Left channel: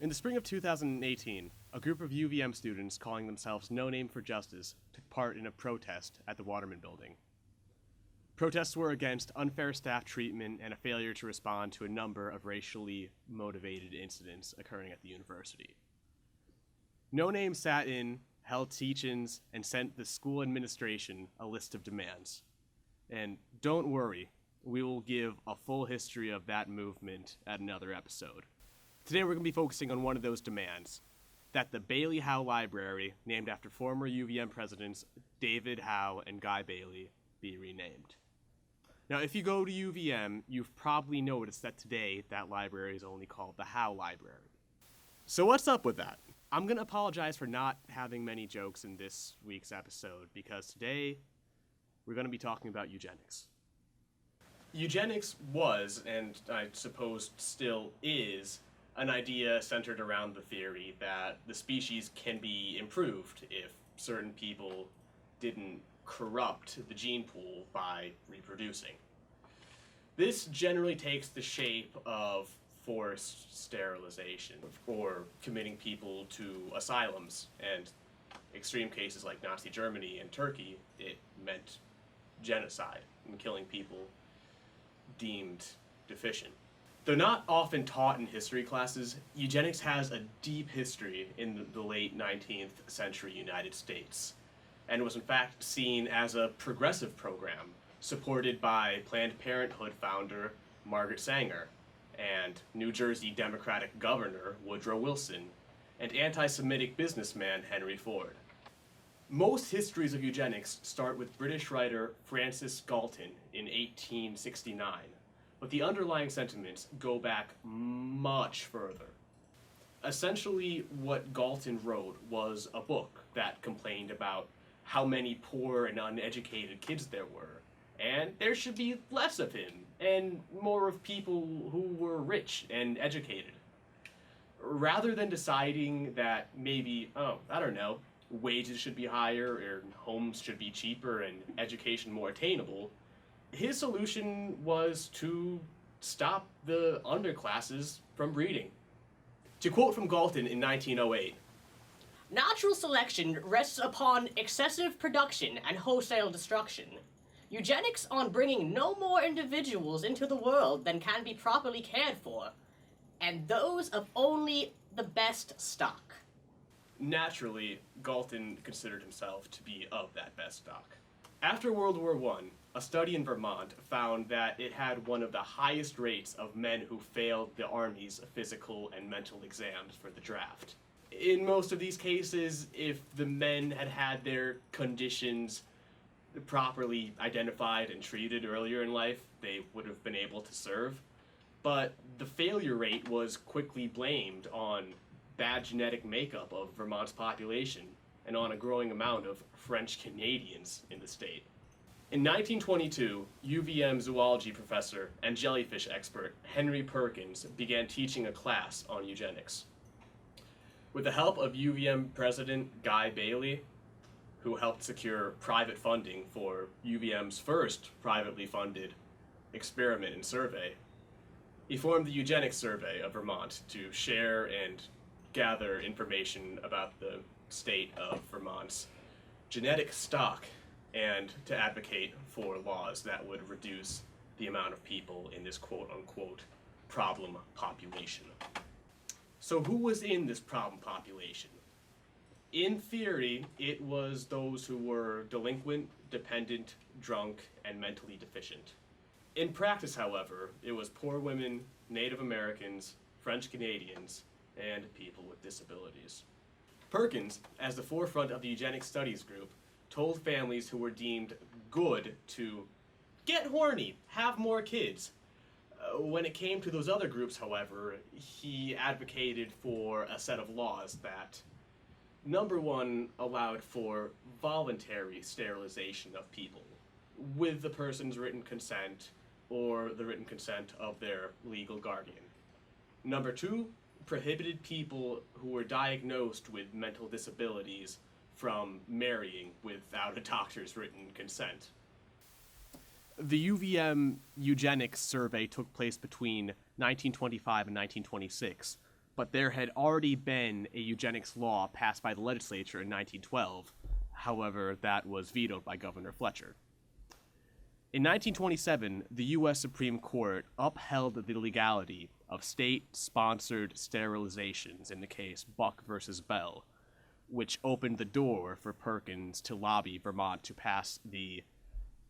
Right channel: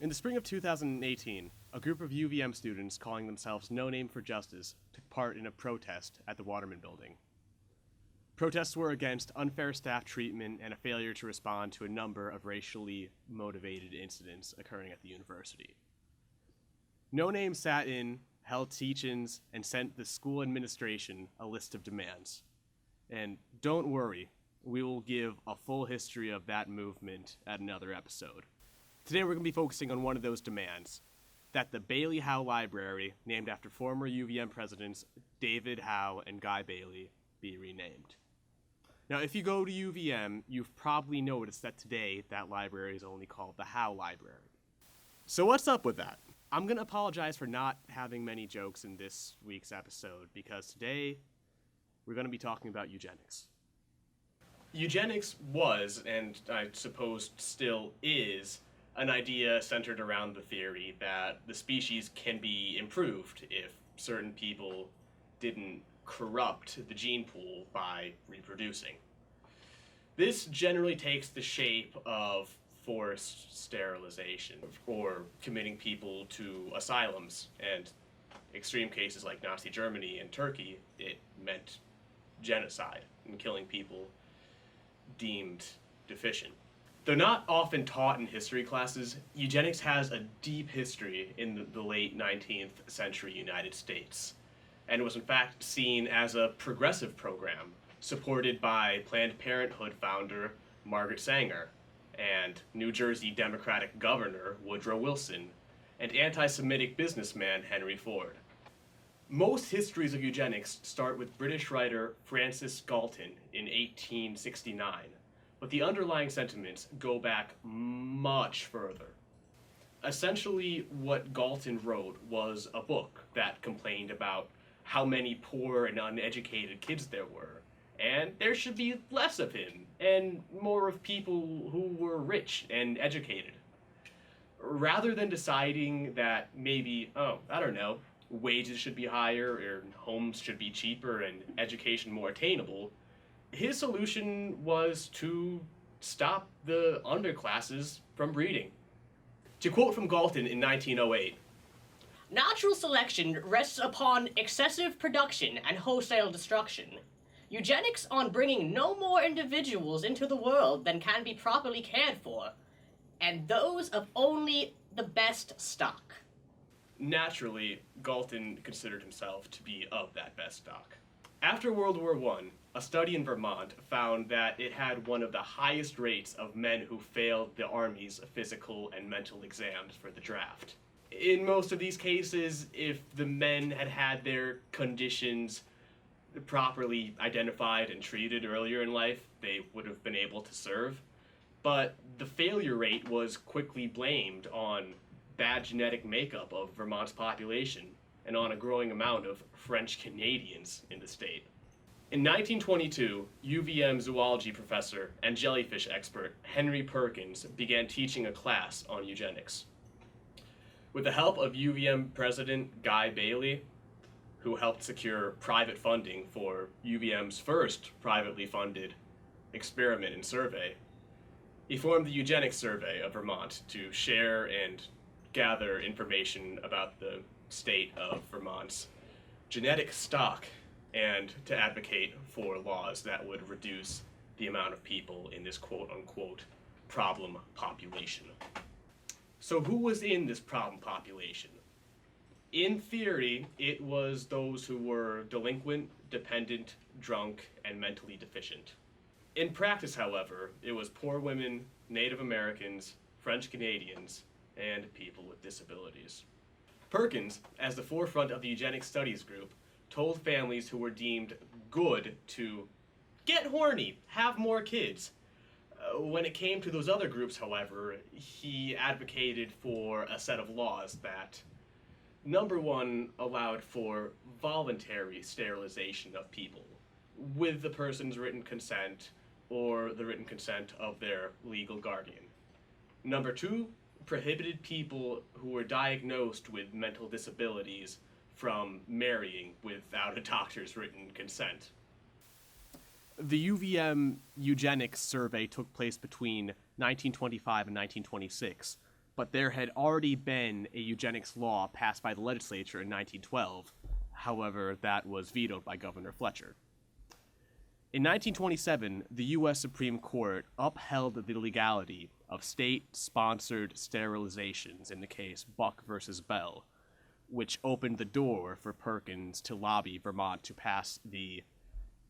In the spring of 2018, a group of UVM students calling themselves No Name for Justice took part in a protest at the Waterman Building. Protests were against unfair staff treatment and a failure to respond to a number of racially motivated incidents occurring at the university. No Name sat in, held teach-ins, and sent the school administration a list of demands. And don't worry, we will give a full history of that movement at another episode. Today we're going to be focusing on one of those demands, that the Bailey Howe Library, named after former UVM presidents David Howe and Guy Bailey, be renamed. Now, if you go to UVM, you've probably noticed that today that library is only called the Howe Library. So what's up with that? I'm going to apologize for not having many jokes in this week's episode, because today we're going to be talking about eugenics. Eugenics was, and I suppose still is, an idea centered around the theory that the species can be improved if certain people didn't corrupt the gene pool by reproducing. This generally takes the shape of forced sterilization or committing people to asylums, and extreme cases like Nazi Germany and Turkey, it meant genocide and killing people deemed deficient. Though not often taught in history classes, eugenics has a deep history in the late 19th century United States, and was in fact seen as a progressive program supported by Planned Parenthood founder Margaret Sanger, and New Jersey Democratic Governor Woodrow Wilson, and anti-Semitic businessman Henry Ford. Most histories of eugenics start with British writer Francis Galton in 1869. But the underlying sentiments go back much further. Essentially, what Galton wrote was a book that complained about how many poor and uneducated kids there were, and there should be less of him, and more of people who were rich and educated. Rather than deciding that maybe, wages should be higher, or homes should be cheaper, and education more attainable, his solution was to stop the underclasses from breeding. To quote from Galton in 1908, "Natural selection rests upon excessive production and wholesale destruction. Eugenics on bringing no more individuals into the world than can be properly cared for, and those of only the best stock." Naturally, Galton considered himself to be of that best stock. After World War I, a study in Vermont found that it had one of the highest rates of men who failed the Army's physical and mental exams for the draft. In most of these cases, if the men had had their conditions properly identified and treated earlier in life, they would have been able to serve. But the failure rate was quickly blamed on bad genetic makeup of Vermont's population and on a growing amount of French Canadians in the state. In 1922, UVM zoology professor and jellyfish expert Henry Perkins began teaching a class on eugenics. With the help of UVM president Guy Bailey, who helped secure private funding for UVM's first privately funded experiment and survey, he formed the Eugenics Survey of Vermont to share and gather information about the state of Vermont's genetic stock, and to advocate for laws that would reduce the amount of people in this quote-unquote problem population. So who was in this problem population? In theory, it was those who were delinquent, dependent, drunk, and mentally deficient. In practice, however, it was poor women, Native Americans, French Canadians, and people with disabilities. Perkins, as the forefront of the eugenics studies group, told families who were deemed good to get horny, have more kids. When it came to those other groups, however, he advocated for a set of laws that, number one, allowed for voluntary sterilization of people, with the person's written consent or the written consent of their legal guardian. Number two, prohibited people who were diagnosed with mental disabilities from marrying without a doctor's written consent. The UVM eugenics survey took place between 1925 and 1926, but there had already been a eugenics law passed by the legislature in 1912. However, that was vetoed by Governor Fletcher. In 1927, the U.S. Supreme Court upheld the legality of state-sponsored sterilizations in the case Buck versus Bell, which opened the door for Perkins to lobby Vermont to pass the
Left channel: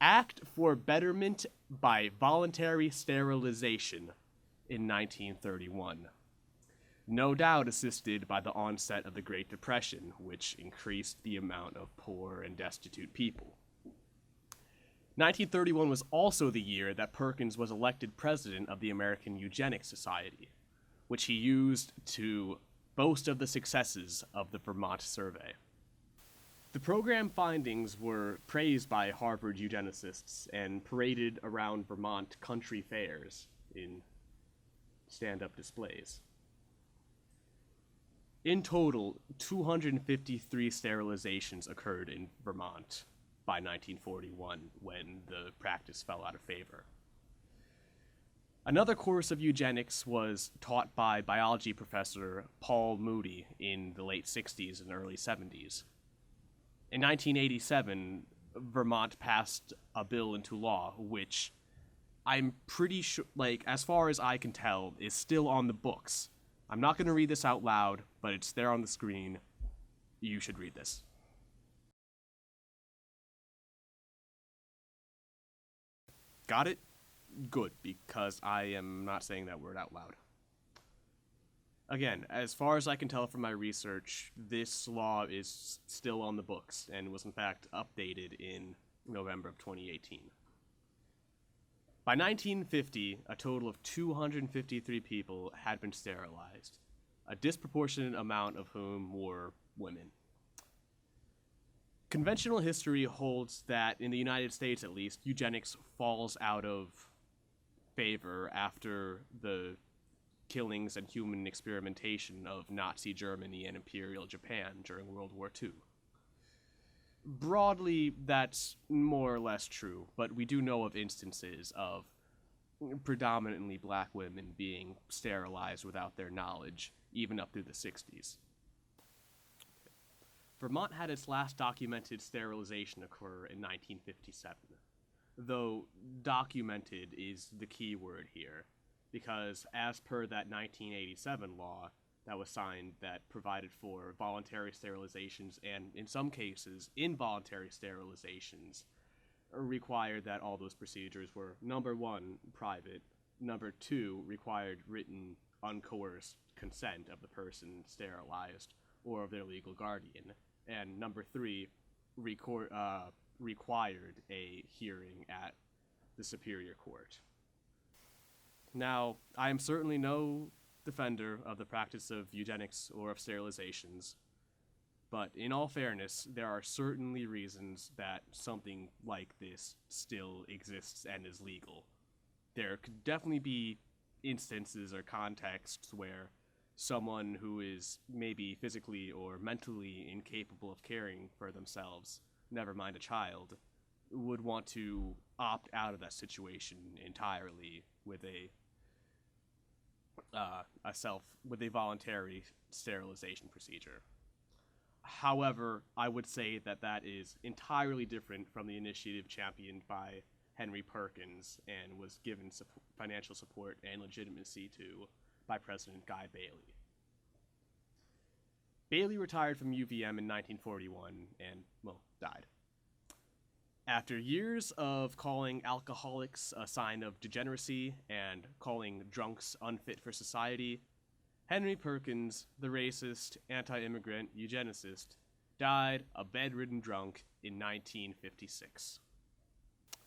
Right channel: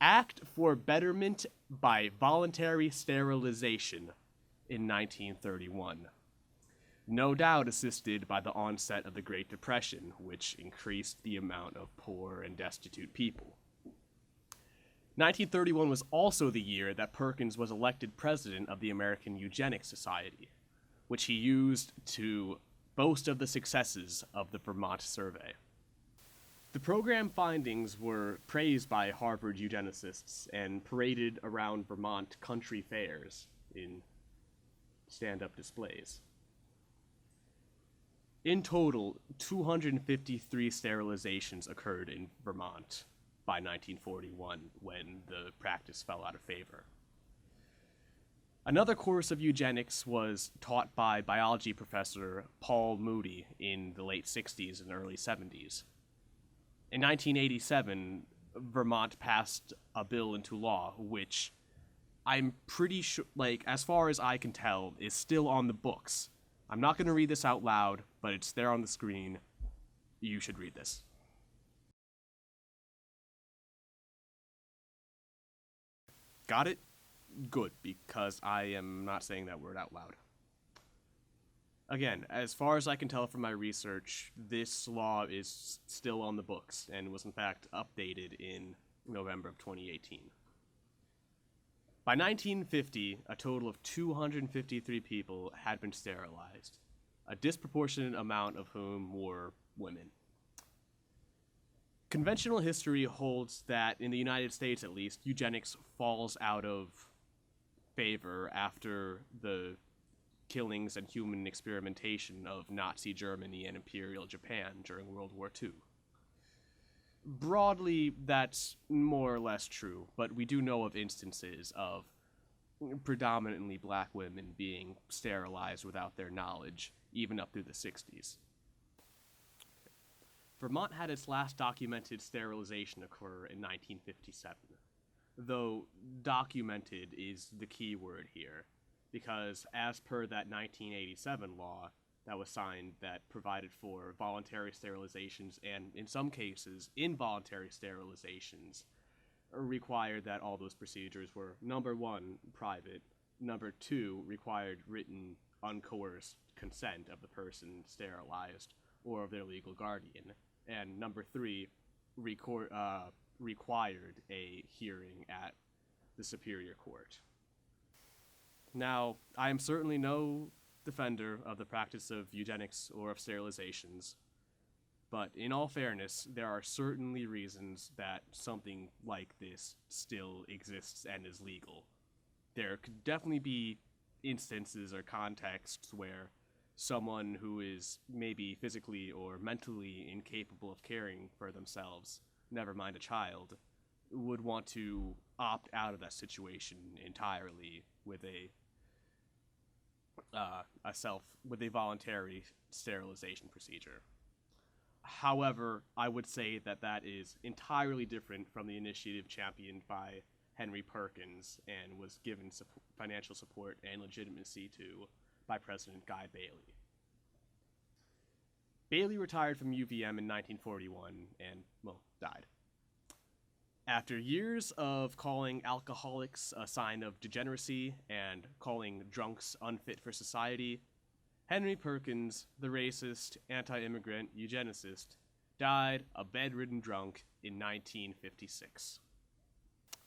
Act for Betterment by Voluntary Sterilization in 1931. No doubt assisted by the onset of the Great Depression, which increased the amount of poor and destitute people. 1931 was also the year that Perkins was elected president of the American Eugenics Society, which he used to boast of the successes of the Vermont survey. The program findings were praised by Harvard eugenicists and paraded around Vermont country fairs in stand-up displays. In total, 253 sterilizations occurred in Vermont by 1941, when the practice fell out of favor. Another course of eugenics was taught by biology professor Paul Moody in the late 60s and early 70s. In 1987, Vermont passed a bill into law, which I'm pretty sure, as far as I can tell, is still on the books. I'm not going to read this out loud, but it's there on the screen. You should read this. Got it? Good, because I am not saying that word out loud. Again, as far as I can tell from my research, this law is still on the books and was in fact updated in November of 2018. By 1950, a total of 253 people had been sterilized, a disproportionate amount of whom were women. Conventional history holds that, in the United States at least, eugenics falls out of favor after the killings and human experimentation of Nazi Germany and Imperial Japan during World War II. Broadly, that's more or less true, but we do know of instances of predominantly black women being sterilized without their knowledge, even up through the 60s. Vermont had its last documented sterilization occur in 1957, though documented is the key word here, because as per that 1987 law that was signed that provided for voluntary sterilizations and, in some cases, involuntary sterilizations, required that all those procedures were, number one, private, number two, required written, uncoerced consent of the person sterilized or of their legal guardian, and number three, required a hearing at the Superior Court. Now, I am certainly no defender of the practice of eugenics or of sterilizations, but in all fairness, there are certainly reasons that something like this still exists and is legal. There could definitely be instances or contexts where someone who is maybe physically or mentally incapable of caring for themselves, never mind a child, would want to opt out of that situation entirely with a voluntary sterilization procedure. However, I would say that that is entirely different from the initiative championed by Henry Perkins and was given financial support and legitimacy to by President Guy Bailey. Bailey retired from UVM in 1941 and, died. After years of calling alcoholics a sign of degeneracy and calling drunks unfit for society, Henry Perkins, the racist, anti-immigrant eugenicist, died a bedridden drunk in 1956.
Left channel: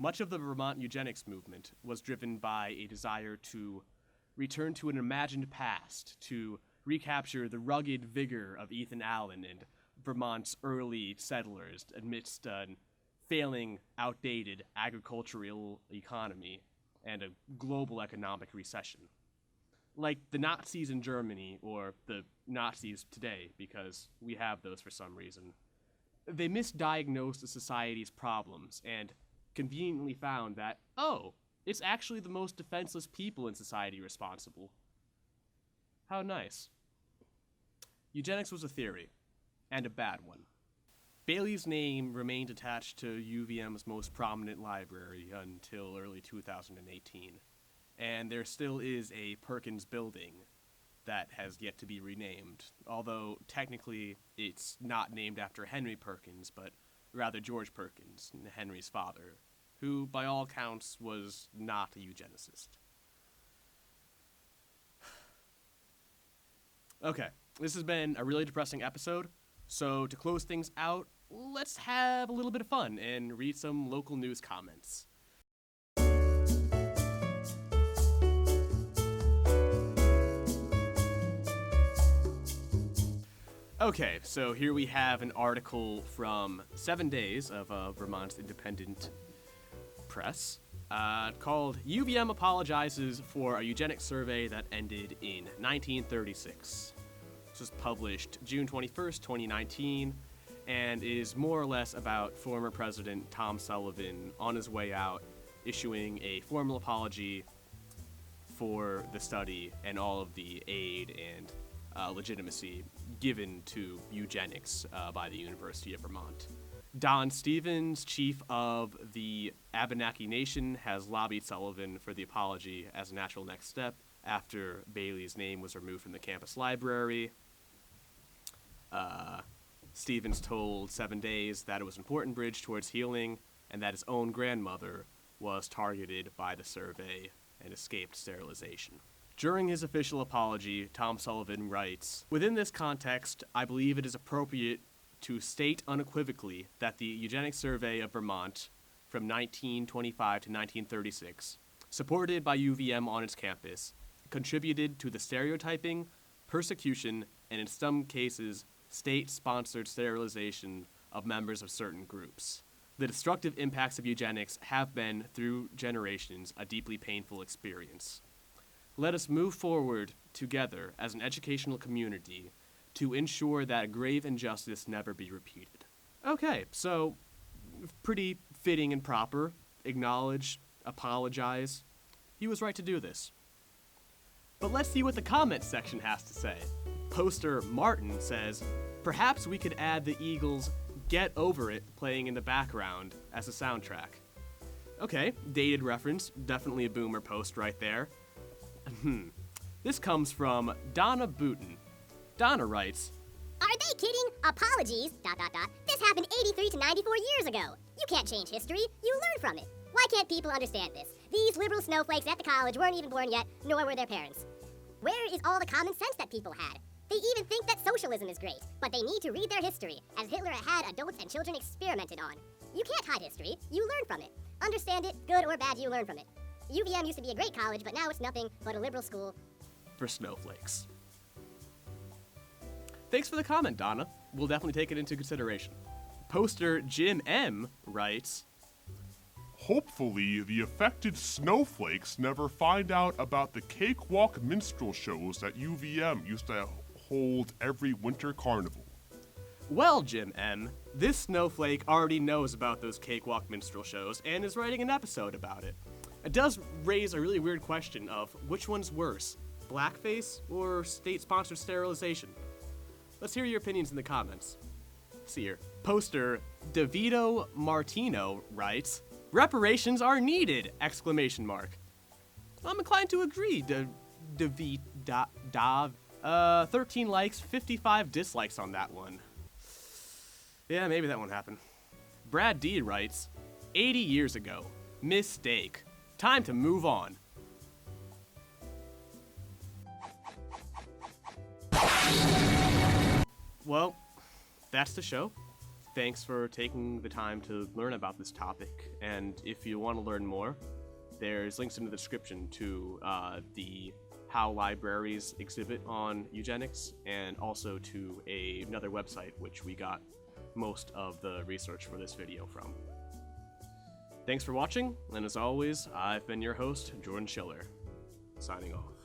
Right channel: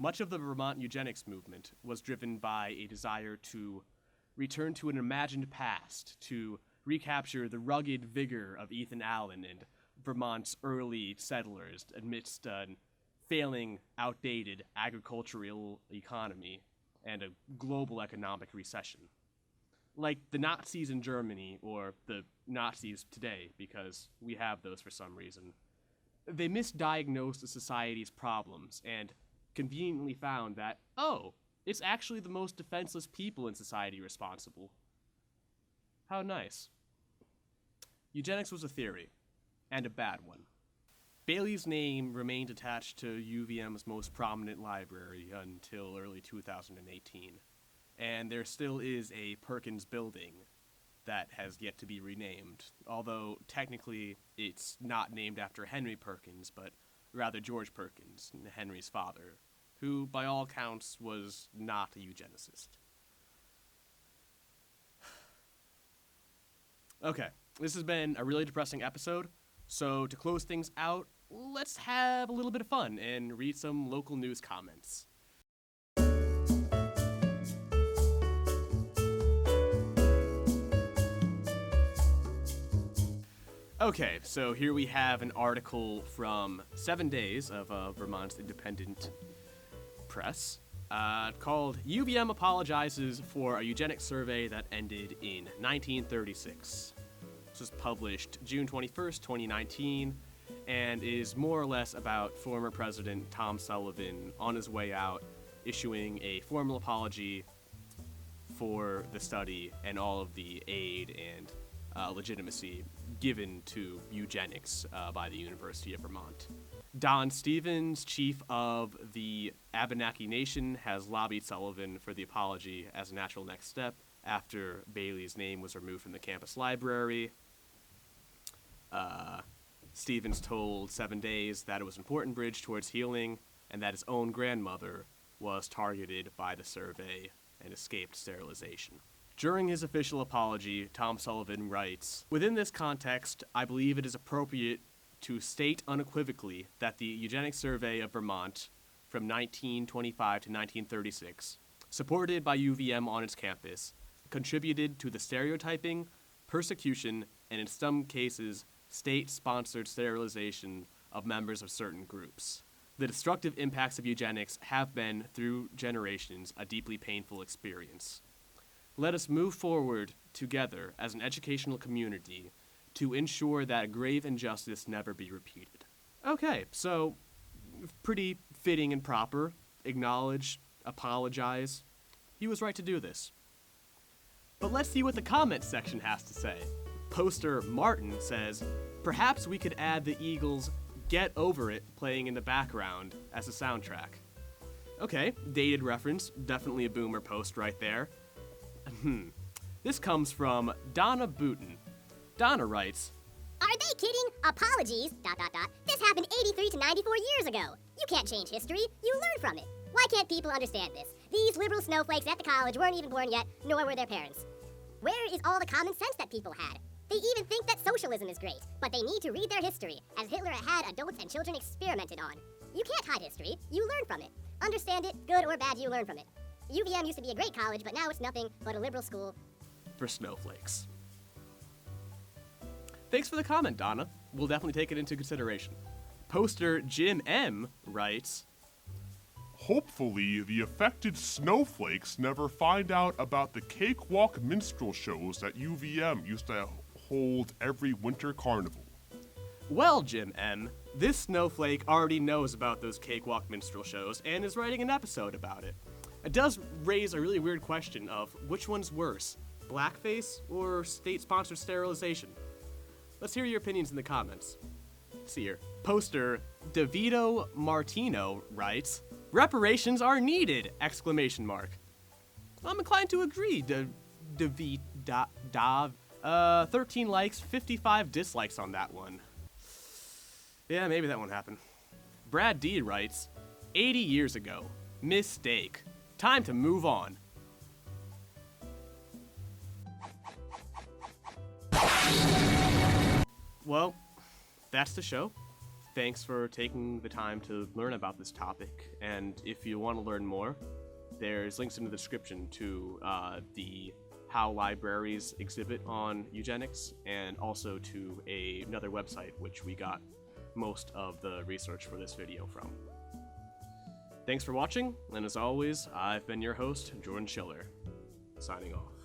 Much of the Vermont eugenics movement was driven by a desire to return to an imagined past, to recapture the rugged vigor of Ethan Allen and Vermont's early settlers amidst an failing, outdated agricultural economy and a global economic recession. Like the Nazis in Germany, or the Nazis today, because we have those for some reason, They misdiagnosed the society's problems and conveniently found that, oh, it's actually the most defenseless people in society responsible. How nice. Eugenics was a theory, and a bad one. Bailey's name remained attached to UVM's most prominent library until early 2018, and there still is a Perkins building that has yet to be renamed, although technically it's not named after Henry Perkins, but rather George Perkins, Henry's father, who by all accounts was not a eugenicist. Okay, this has been a really depressing episode, so to close things out, let's have a little bit of fun and read some local news comments. Okay, so here we have an article from 7 Days of Vermont's independent press called UVM Apologizes for a Eugenics Survey That Ended in 1936. This was published June 21st, 2019, and is more or less about former President Tom Sullivan on his way out issuing a formal apology for the study and all of the aid and legitimacy given to eugenics by the University of Vermont. Don Stevens, chief of the Abenaki Nation, has lobbied Sullivan for the apology as a natural next step after Bailey's name was removed from the campus library. Stevens told 7 Days that it was an important bridge towards healing and that his own grandmother was targeted by the survey and escaped sterilization. During his official apology, Tom Sullivan writes, "Within this context, I believe it is appropriate to state unequivocally that the Eugenics Survey of Vermont from 1925 to 1936, supported by UVM on its campus, contributed to the stereotyping, persecution, and in some cases, state-sponsored sterilization of members of certain groups. The destructive impacts of eugenics have been, through generations, a deeply painful experience. Let us move forward together as an educational community to ensure that grave injustice never be repeated." Okay, so pretty fitting and proper. Acknowledge, apologize. He was right to do this. But let's see what the comments section has to say. Poster Martin says, "Perhaps we could add the Eagles' Get Over It playing in the background as a soundtrack." Okay, dated reference, definitely a boomer post right there. This comes from Donna Booten. Donna writes, "Are they kidding? Apologies, ... This happened 83 to 94 years ago. You can't change history, you learn from it. Why can't people understand this? These liberal snowflakes at the college weren't even born yet, nor were their parents. Where is all the common sense that people had? They even think that socialism is great, but they need to read their history, as Hitler had adults and children experimented on. You can't hide history, you learn from it. Understand it, good or bad, you learn from it. UVM used to be a great college, but now it's nothing but a liberal school." For snowflakes. Thanks for the comment, Donna. We'll definitely take it into consideration. Poster Jim M. writes, "Hopefully, the affected snowflakes never find out about the cakewalk minstrel shows that UVM used to hold every winter carnival." Well, Jim M., this snowflake already knows about those cakewalk minstrel shows and is writing an episode about it. It does raise a really weird question of which one's worse, blackface or state-sponsored sterilization? Let's hear your opinions in the comments. Let's see here. Poster DeVito Martino writes, "Reparations are needed!" ! I'm inclined to agree, 13 likes, 55 dislikes on that one. Yeah, maybe that won't happen. Brad D writes, 80 years ago. Mistake. Time to move on. Well, that's the show. Thanks for taking the time to learn about this topic, and if you want to learn more, there's links in the description to the how libraries exhibit on eugenics, and also to another website which we got most of the research for this video from. Thanks for watching, and as always, I've been your host, Jordan Schiller, signing off.